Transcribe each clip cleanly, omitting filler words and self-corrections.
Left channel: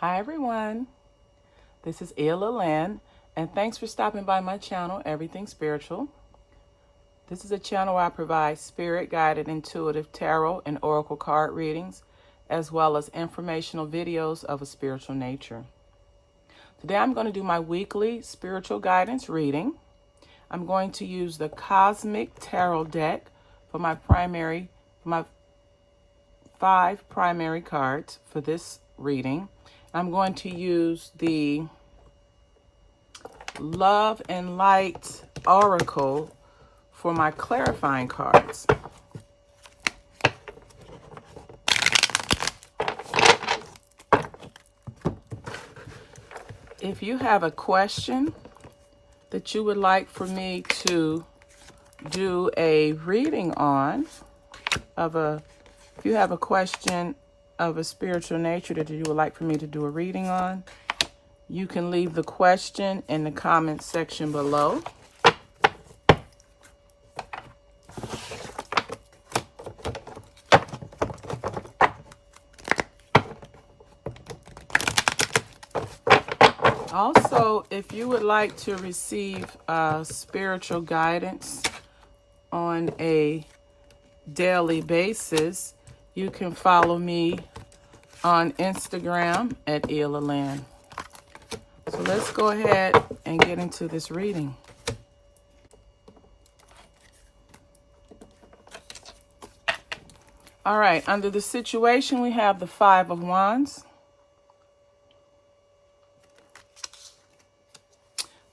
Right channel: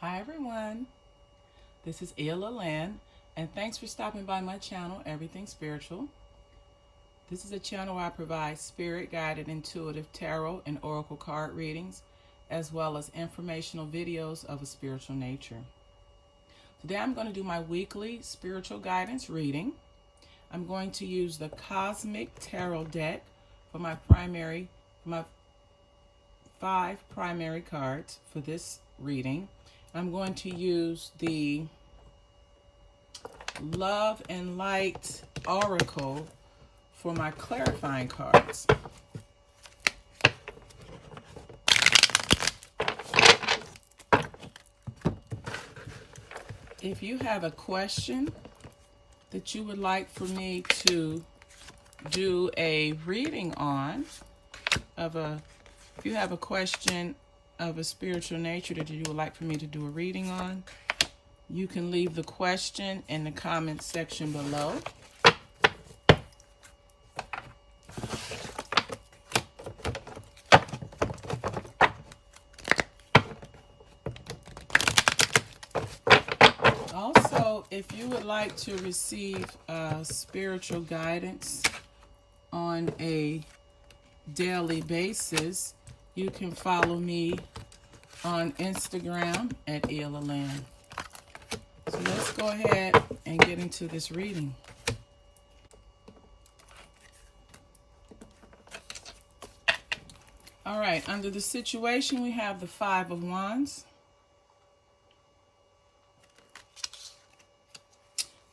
Hi everyone, this is Ila Lynn, and thanks for stopping by my channel, Everything Spiritual. This is a channel where I provide spirit-guided intuitive tarot and oracle card readings, as well as informational videos of a spiritual nature. Today I'm going to do my weekly spiritual guidance reading. I'm going to use the Cosmic Tarot deck for my 5 primary cards for this reading. I'm going to use the Love and Light Oracle for my clarifying cards. If you have a question that you would like for me to do a reading on, if you have a question of a spiritual nature that you would like for me to do a reading on, you can leave the question in the comment section below. Also, if you would like to receive spiritual guidance on a daily basis, you can follow me on Instagram at Ila Lynn. So let's go ahead and get into this reading. All right, under the situation, we have the 5 of Wands.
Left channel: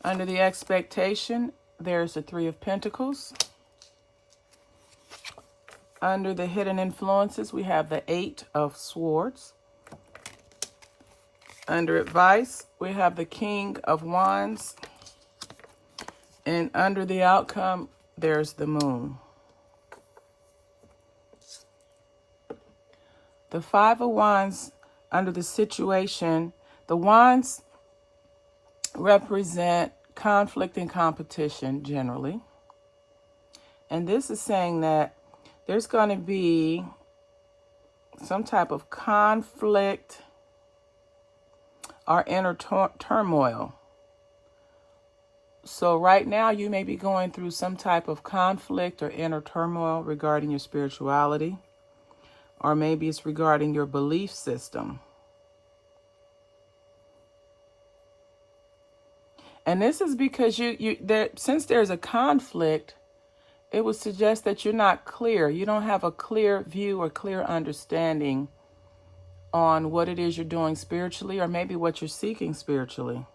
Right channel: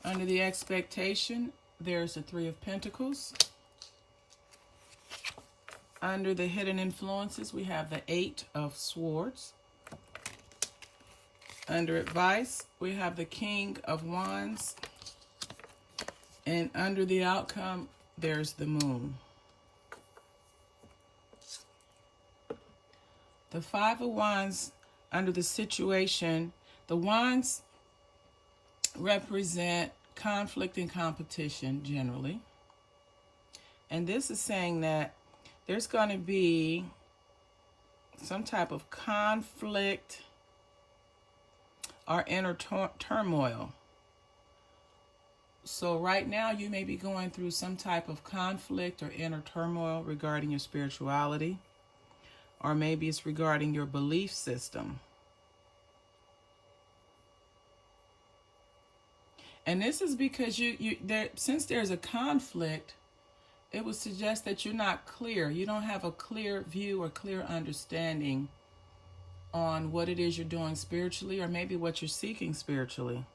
Under the expectation, there's the 3 of Pentacles. Under the hidden influences, we have the 8 of Swords. Under advice, we have the King of Wands. And under the outcome, there's the Moon. The 5 of Wands, under the situation, the Wands represent conflict and competition generally. And this is saying that there's going to be some type of conflict or inner turmoil. So right now you may be going through some type of conflict or inner turmoil regarding your spirituality, or maybe it's regarding your belief system. And this is because since there's a conflict, it would suggest that you're not clear. You don't have a clear view or clear understanding on what it is you're doing spiritually, or maybe what you're seeking spiritually.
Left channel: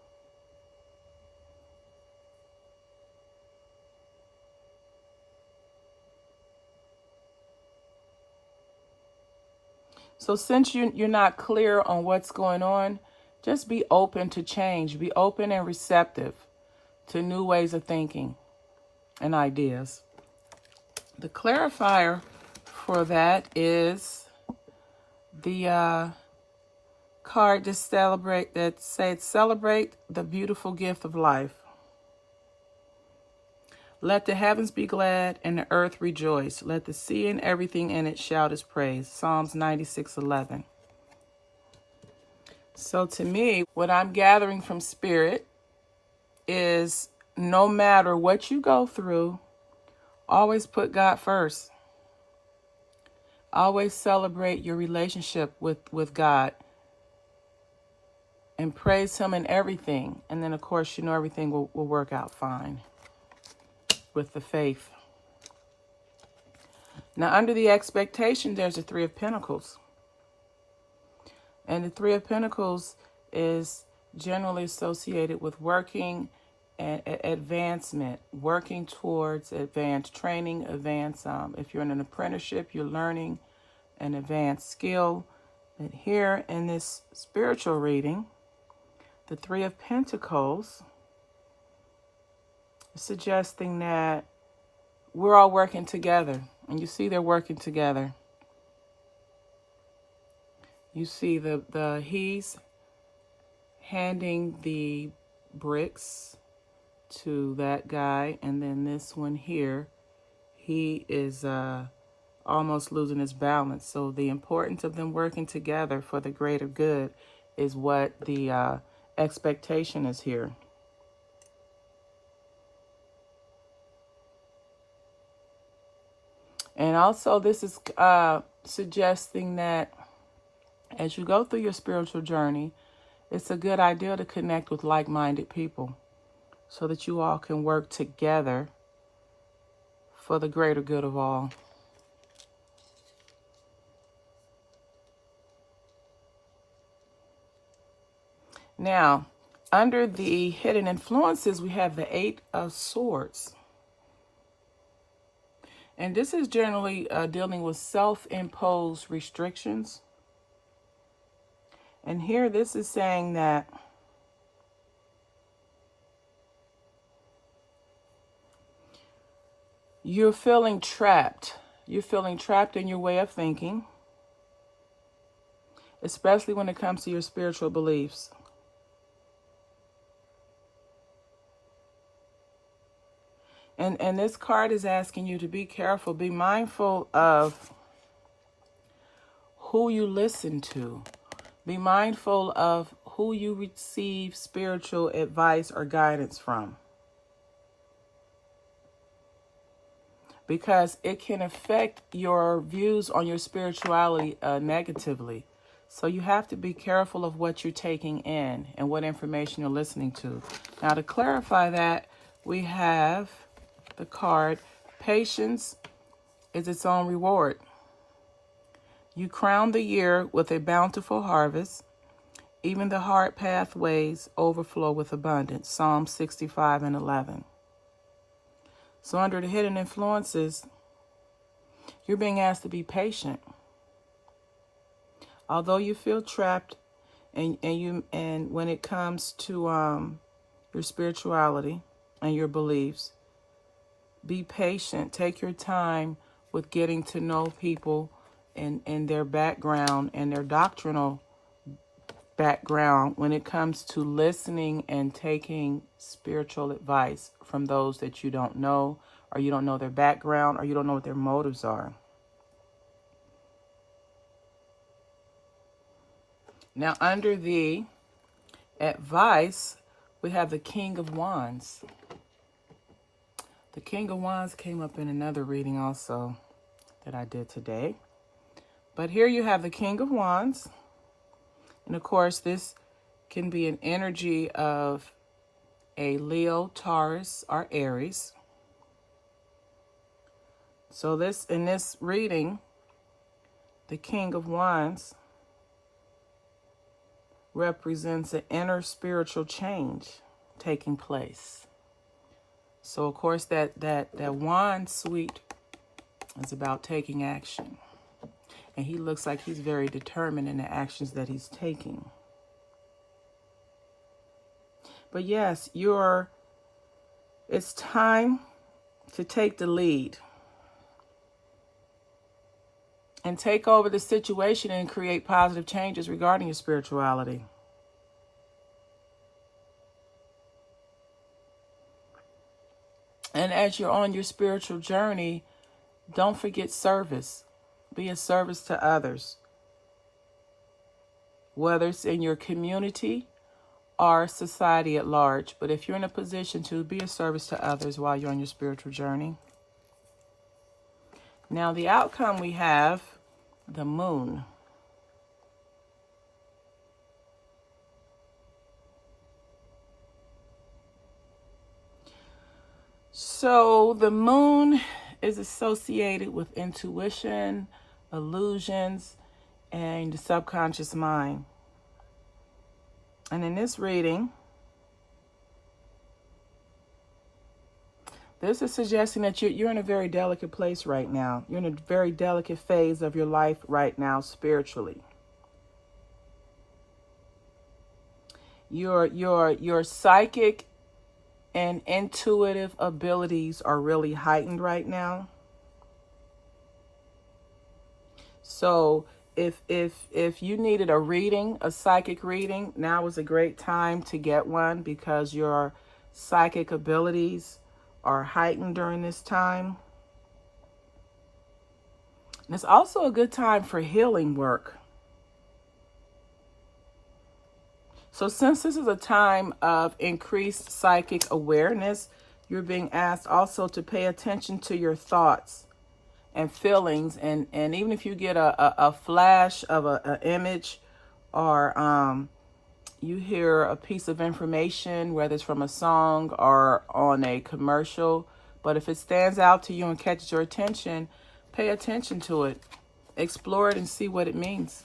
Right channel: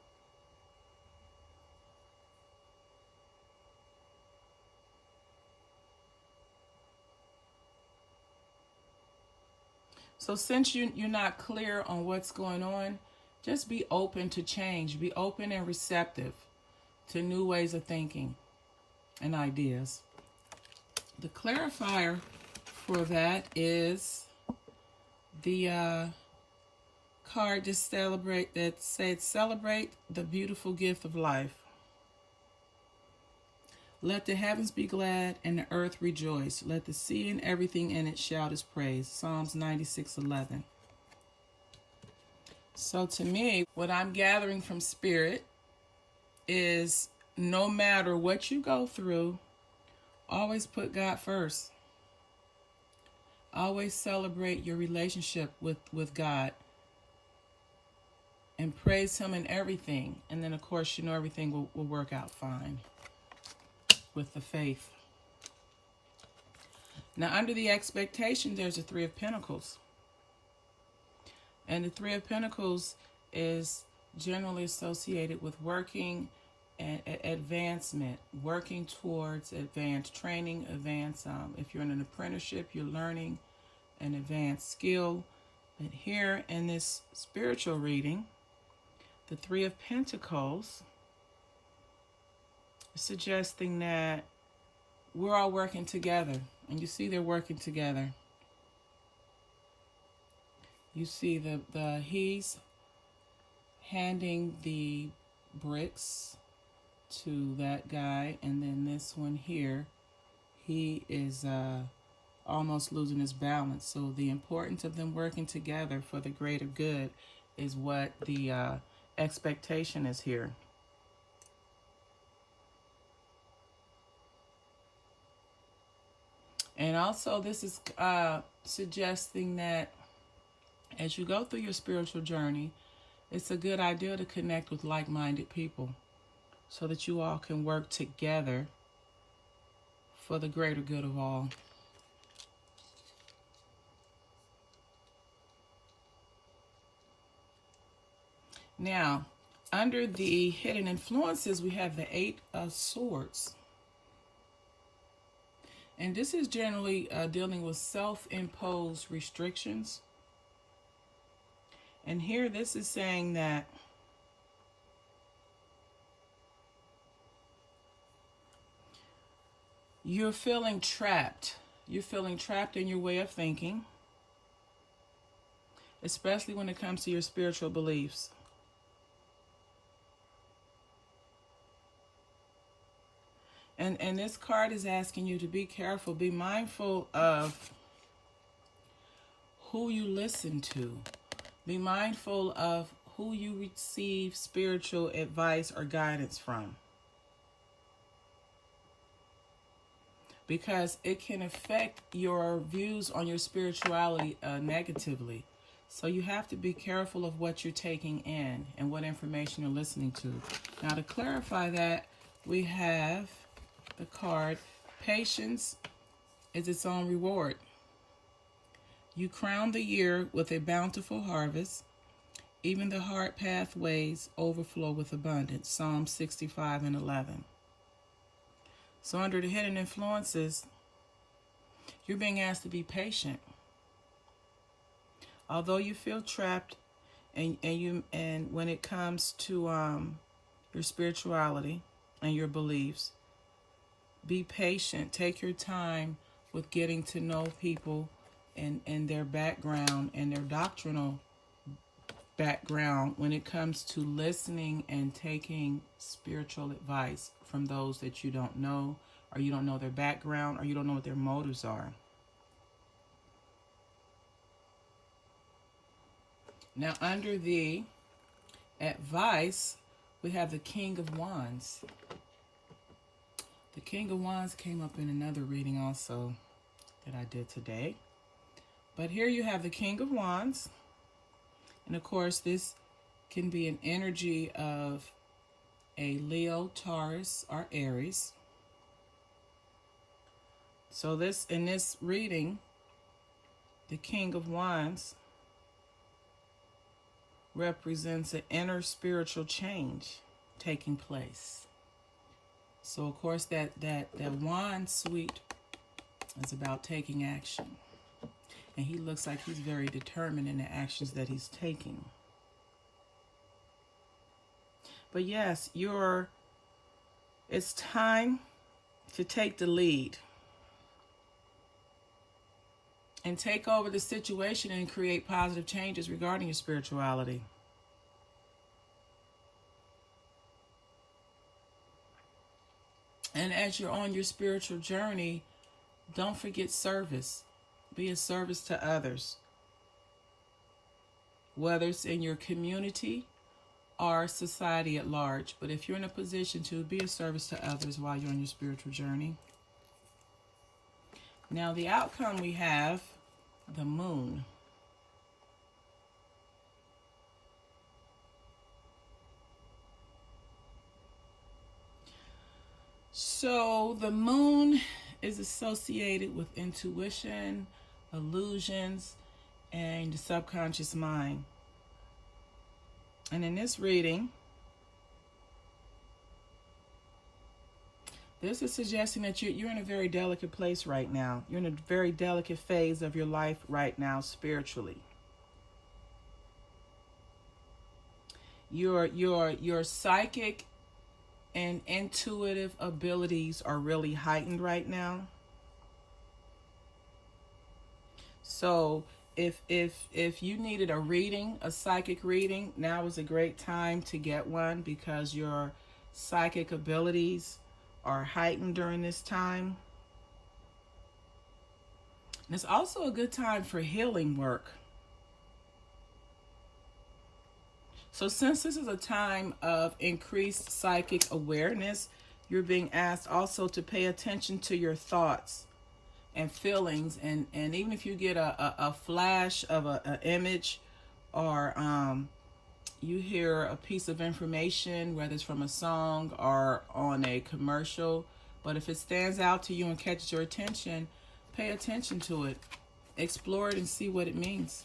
So since you're not clear on what's going on, just be open to change. Be open and receptive to new ways of thinking and ideas. The clarifier for that is the card to celebrate the beautiful gift of life. Let the heavens be glad and the earth rejoice. Let the sea and everything in it shout his praise. Psalms 96:11. So to me, what I'm gathering from Spirit is no matter what you go through, always put God first. Always celebrate your relationship with God and praise him in everything. And then, of course, everything will work out fine with the faith. Now, under the expectation, there's the 3 of Pentacles. And the 3 of Pentacles is generally associated with working and advancement, working towards advanced training, if you're in an apprenticeship, you're learning an advanced skill. But here in this spiritual reading, the 3 of Pentacles is suggesting that we're all working together. And you see they're working together. You see he's handing the bricks to that guy, and then this one here, he is almost losing his balance. So the importance of them working together for the greater good is what the expectation is here. And also this is suggesting that as you go through your spiritual journey, it's a good idea to connect with like-minded people so that you all can work together for the greater good of all. Now, under the hidden influences, we have the Eight of Swords. And this is generally dealing with self-imposed restrictions. And here this is saying that you're feeling trapped. You're feeling trapped in your way of thinking, especially when it comes to your spiritual beliefs. And this card is asking you to be careful, be mindful of who you listen to. Be mindful of who you receive spiritual advice or guidance from. Because it can affect your views on your spirituality negatively. So you have to be careful of what you're taking in and what information you're listening to. Now, to clarify that, we have the card, patience is its own reward. You crown the year with a bountiful harvest. Even the hard pathways overflow with abundance. Psalm 65:11. So under the hidden influences, you're being asked to be patient. Although you feel trapped and when it comes to your spirituality and your beliefs, be patient. Take your time with getting to know people and their background and their doctrinal background when it comes to listening and taking spiritual advice from those that you don't know, or you don't know their background, or you don't know what their motives are. Now, under the advice, we have the King of Wands. The King of Wands came up in another reading also that I did today. But here you have the King of Wands. And of course, this can be an energy of a Leo, Taurus, or Aries. So in this reading, the King of Wands represents an inner spiritual change taking place. So, of course, that wand suite is about taking action. And he looks like he's very determined in the actions that he's taking. But yes, it's time to take the lead and take over the situation and create positive changes regarding your spirituality. And as you're on your spiritual journey, don't forget service. Be a service to others, whether it's in your community or society at large. But if you're in a position to be a service to others while you're on your spiritual journey. Now, the outcome we have, the Moon. So the Moon is associated with intuition, illusions, and the subconscious mind. And in this reading, this is suggesting that you're in a very delicate place right now. You're in a very delicate phase of your life right now spiritually. Your psychic and intuitive abilities are really heightened right now. So if you needed a reading, a psychic reading, now is a great time to get one because your psychic abilities are heightened during this time. And it's also a good time for healing work. So since this is a time of increased psychic awareness, you're being asked also to pay attention to your thoughts and feelings. And even if you get a flash of an image, or you hear a piece of information, whether it's from a song or on a commercial, but if it stands out to you and catches your attention, pay attention to it. Explore it and see what it means.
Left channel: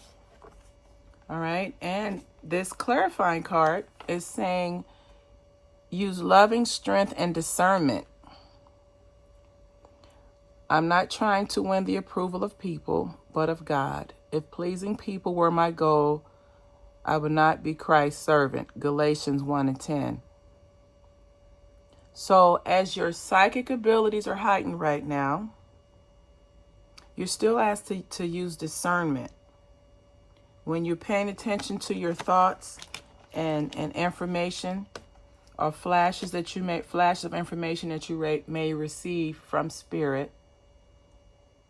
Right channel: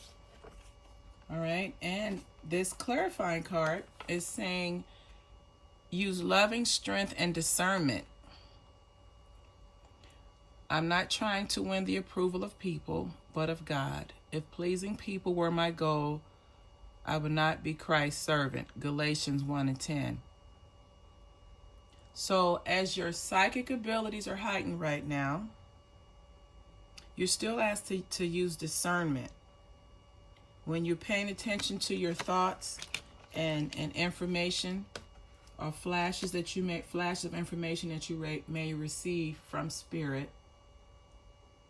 All right. And this clarifying card is saying use loving strength and discernment. I'm not trying to win the approval of people, but of God. If pleasing people were my goal, I would not be Christ's servant. Galatians 1:10. So as your psychic abilities are heightened right now, you're still asked to use discernment. When you're paying attention to your thoughts and information, or flashes of information that you may receive from spirit,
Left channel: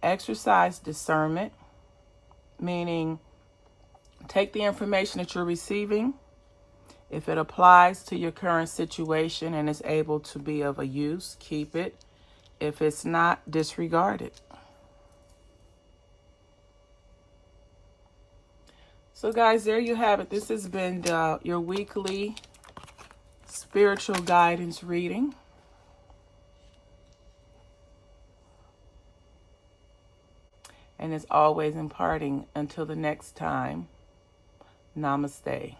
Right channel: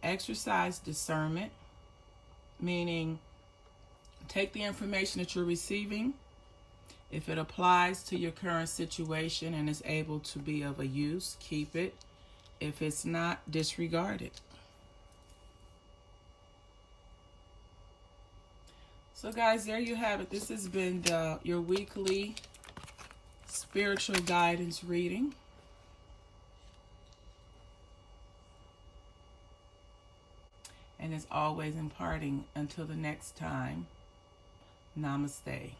exercise discernment, meaning take the information that you're receiving. If it applies to your current situation and is able to be of a use, keep it. If it's not, disregard it. So guys, there you have it. This has been your weekly spiritual guidance reading. And as always, imparting until the next time. Namaste.